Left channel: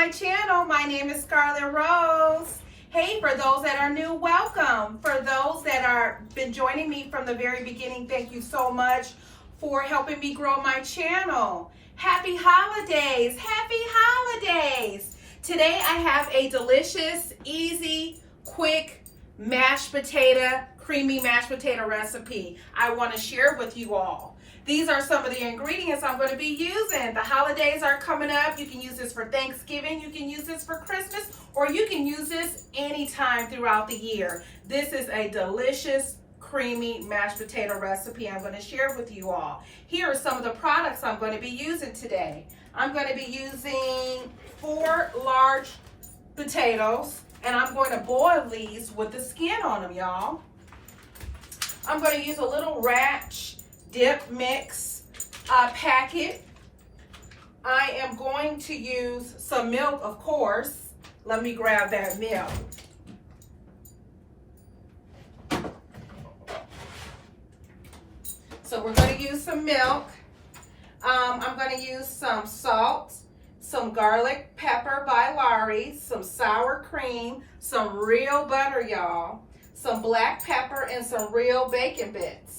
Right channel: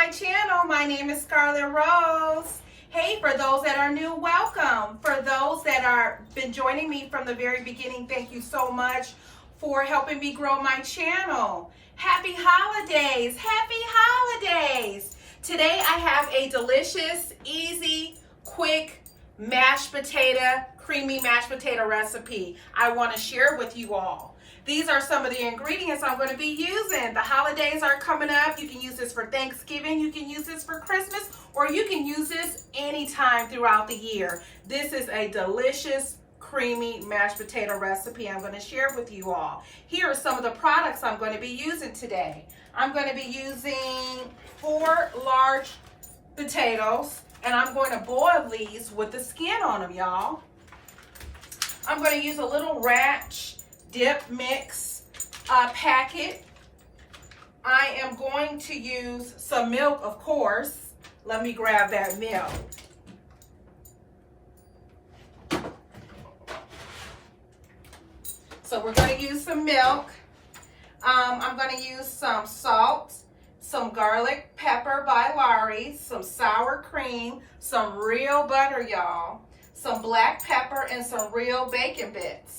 my channel. My name is Scarlett Rose. Hey, for those that are new, welcome. For those that are been joining me from the very beginning, thank you so much for helping me grow my channel. Happy holidays. Happy holidays. Today I have a delicious, easy, quick creamy mashed potato recipe. I want to share with you all. These are some of the ingredients I'm going to be using. The holidays are coming up. You can use this for Thanksgiving, you can use this for Christmas, or you can use this anytime throughout the year. This is a delicious, creamy mashed potato recipe I'm going to share with you all. Here are some of the products I'm going to be using today. I'm going to be using 4 large potatoes, and I'm going to boil these with the skin on them, y'all. I'm going to use a little ranch dip mix packet. I am going to use some milk, of course. Let me grab that milk. So we're going to use some milk. I'm going to use some salt, some garlic pepper by Lawry's, some sour cream, some real butter, y'all, some black pepper, and some real bacon bits.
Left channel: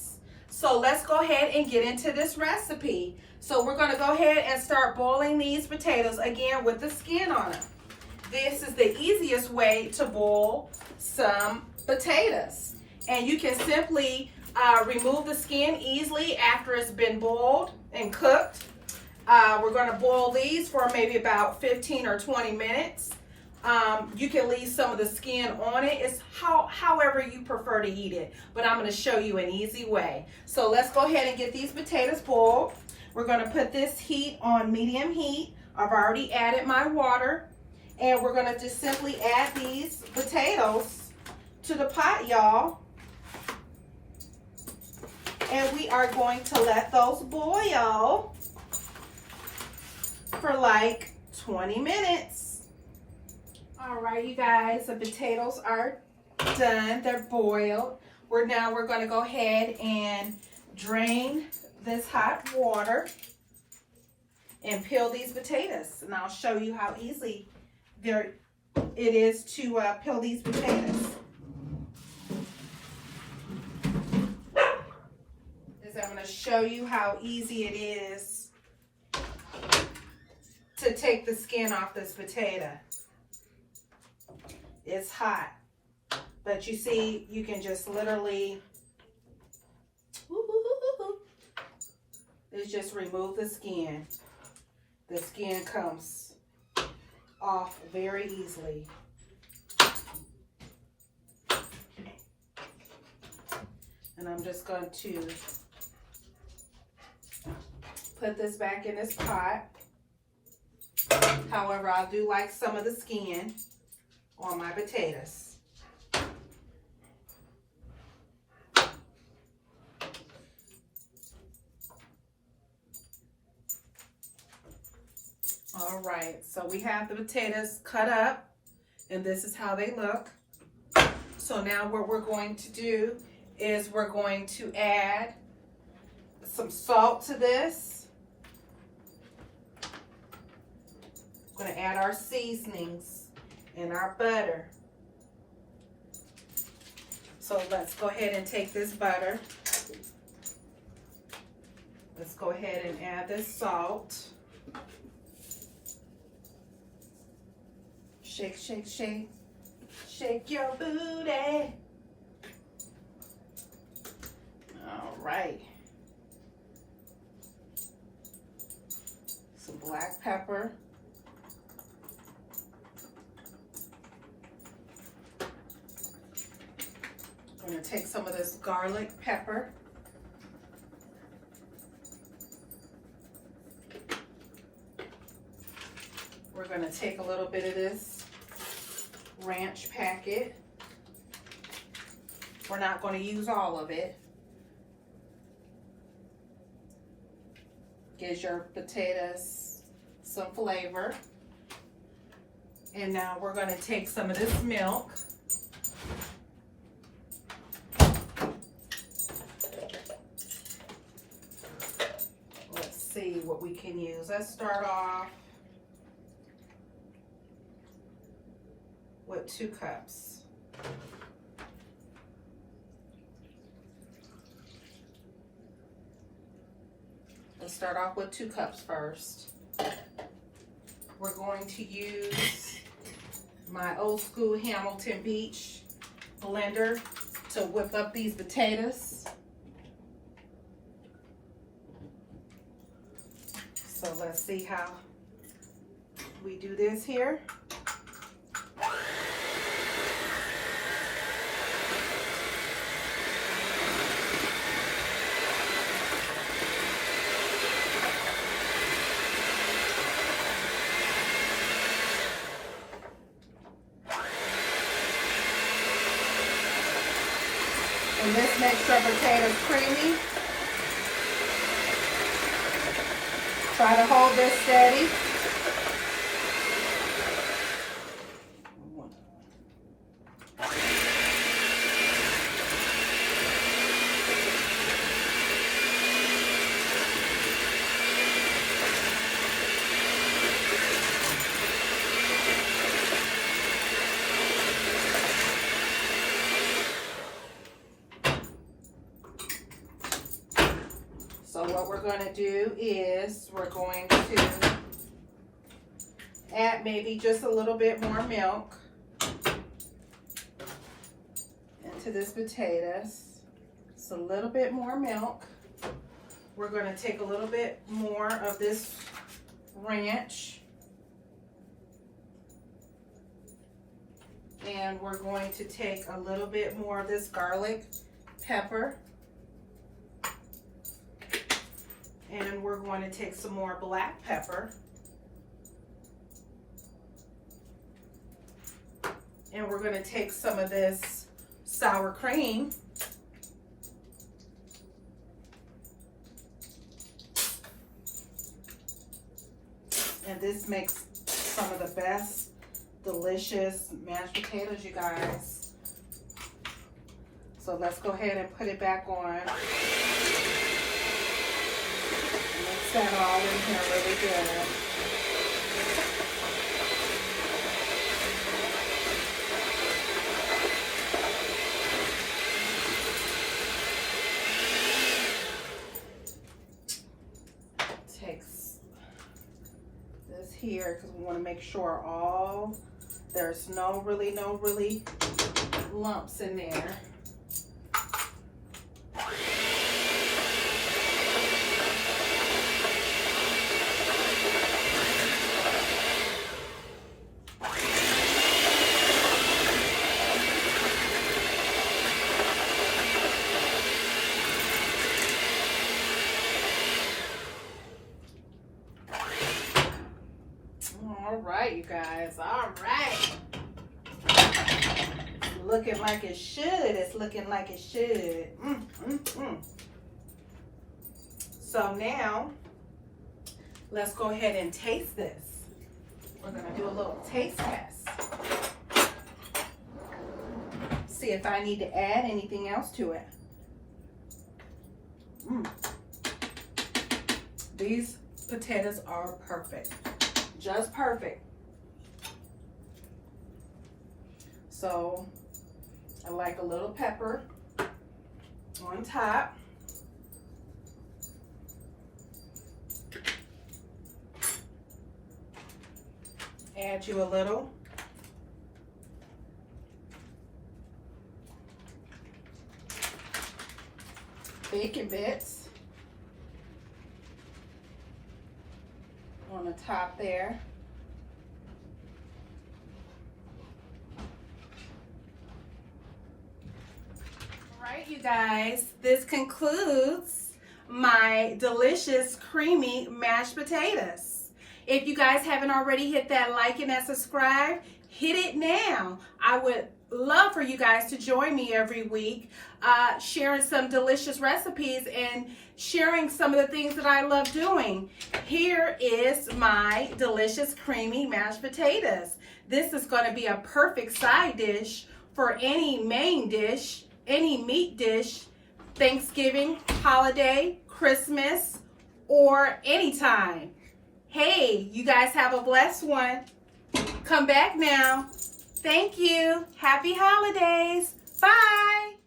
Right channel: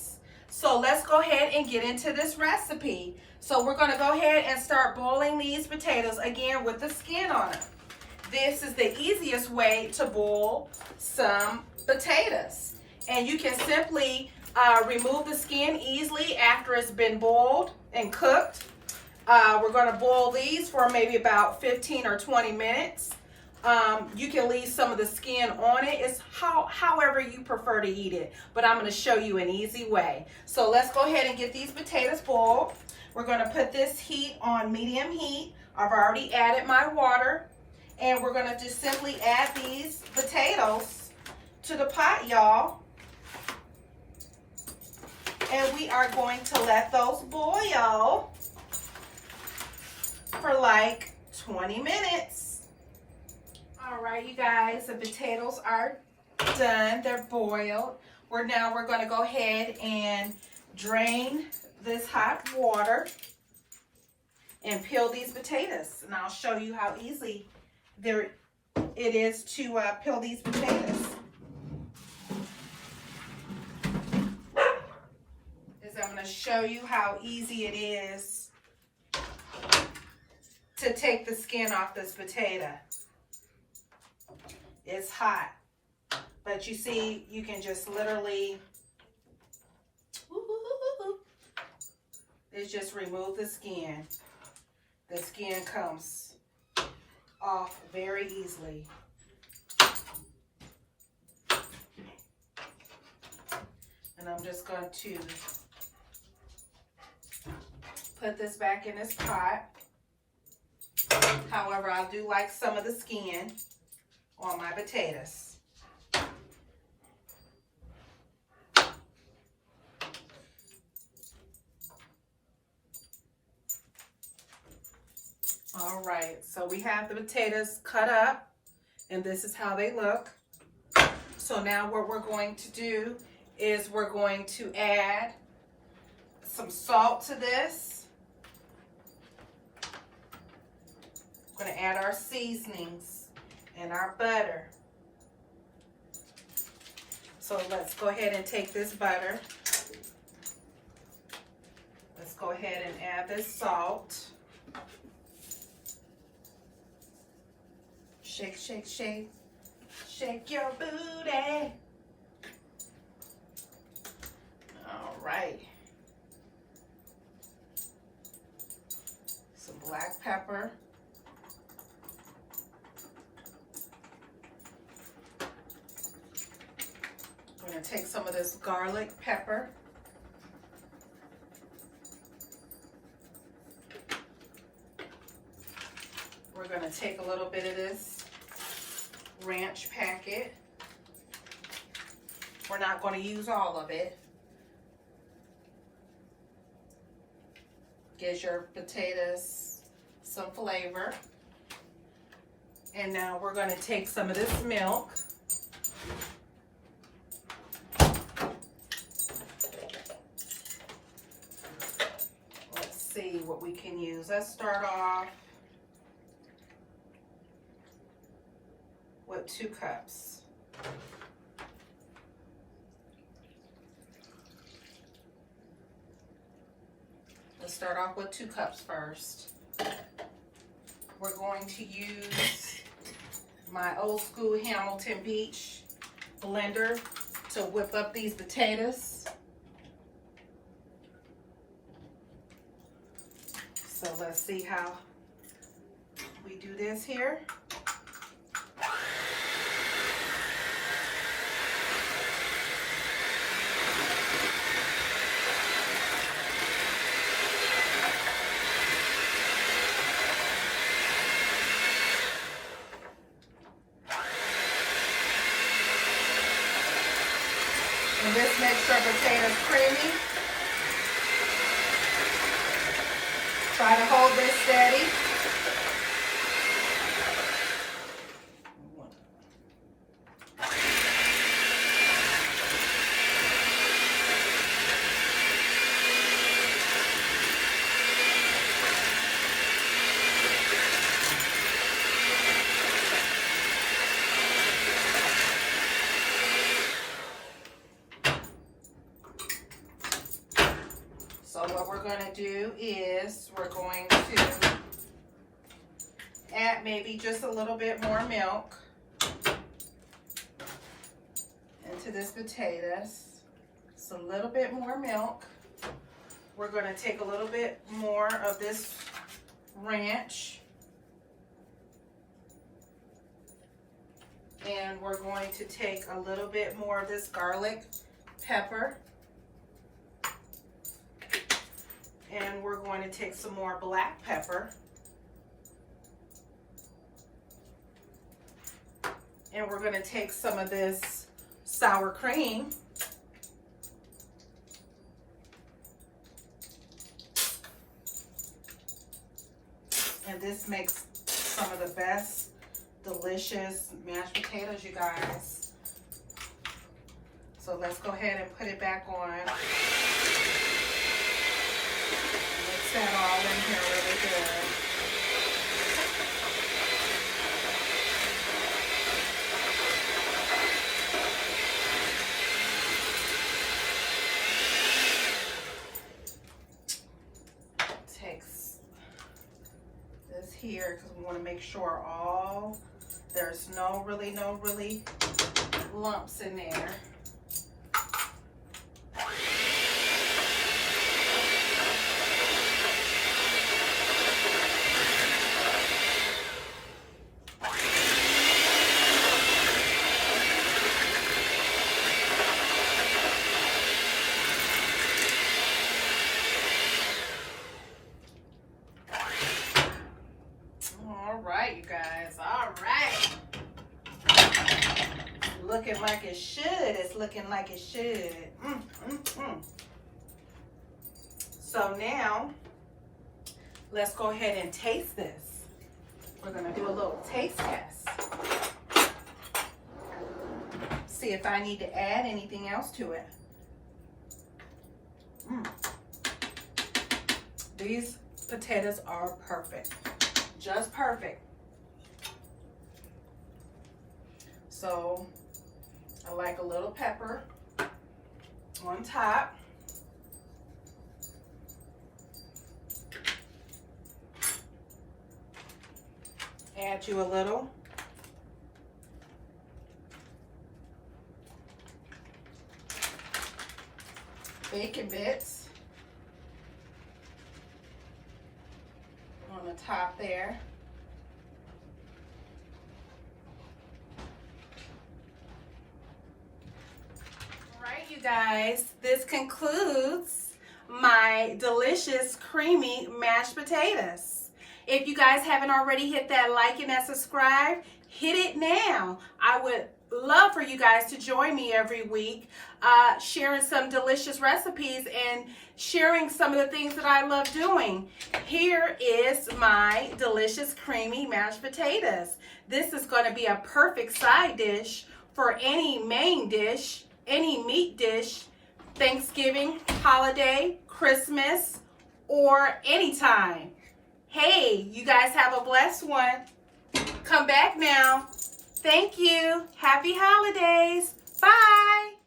So let's go ahead and get into this recipe. So we're going to go ahead and start boiling these potatoes again with the skin on them. This is the easiest way to boil some potatoes. And you can simply remove the skin easily after it's been boiled and cooked. We're going to boil these for maybe about 15 or 20 minutes. You can leave some of the skin on it. It's however you prefer to eat it, but I'm going to show you an easy way. So let's go ahead and get these potatoes boiled. We're going to put this heat on medium heat. I've already added my water, and we're going to just simply add these potatoes to the pot, y'all. And we are going to let those boil for like 20 minutes. All right, you guys, the potatoes are done. They're boiled. We're going to go ahead and drain this hot water and peel these potatoes. And I'll show you how easy it is to peel these potatoes. I'm going to show you how easy it is to take the skin off this potato. It's hot, but you see, you can just literally just remove the skin. The skin comes off very easily. And I'm just going to put this back in this pot. However, I do like some of the skin on my potatoes. All right, so we have the potatoes cut up, and this is how they look. So now what we're going to do is we're going to add some salt to this. We're going to add our seasonings and our butter. So let's go ahead and take this butter. Let's go ahead and add this salt. Shake, shake, shake. Shake your booty. All right. Some black pepper. I'm going to take some of this garlic pepper. We're going to take a little bit of this ranch packet. We're not going to use all of it. Gives your potatoes some flavor. And now we're going to take some of this milk. Let's see what we can use. Let's start off 2 cups. Let's start off with 2 cups first. We're going to use my old school Hamilton Beach blender to whip up these potatoes. So let's see how we do this here. And this makes our potatoes creamy. Try to hold this steady. So what we're going to do is we're going to add maybe just a little bit more milk into this potatoes. Just a little bit more milk. We're going to take a little bit more of this ranch. And we're going to take a little bit more of this garlic pepper. And we're going to take some more black pepper. And we're going to take some of this sour cream. And this makes some of the best delicious mashed potatoes, you guys. So let's go ahead and put it back on. Mix that all in here really good. Takes this here because we want to make sure there's no really lumps in there. All right, you guys. All right. Looking like it should. It's looking like it should. So now, let's go ahead and taste this. We're going to do a little taste test. See if I need to add anything else to it. These potatoes are perfect. Just perfect. So I like a little pepper on top. Add you a little. Bacon bits on the top there. All right, you guys, this concludes my delicious creamy mashed potatoes. If you guys haven't already hit that like and that subscribe, hit it now. I would love for you guys to join me every week, sharing some delicious recipes and sharing some of the things that I love doing. Here is my delicious creamy mashed potatoes. This is going to be a perfect side dish for any main dish, any meat dish, Thanksgiving, holiday, Christmas, or anytime. Hey, you guys have a blessed one. Come back now. Thank you. Happy holidays. Bye.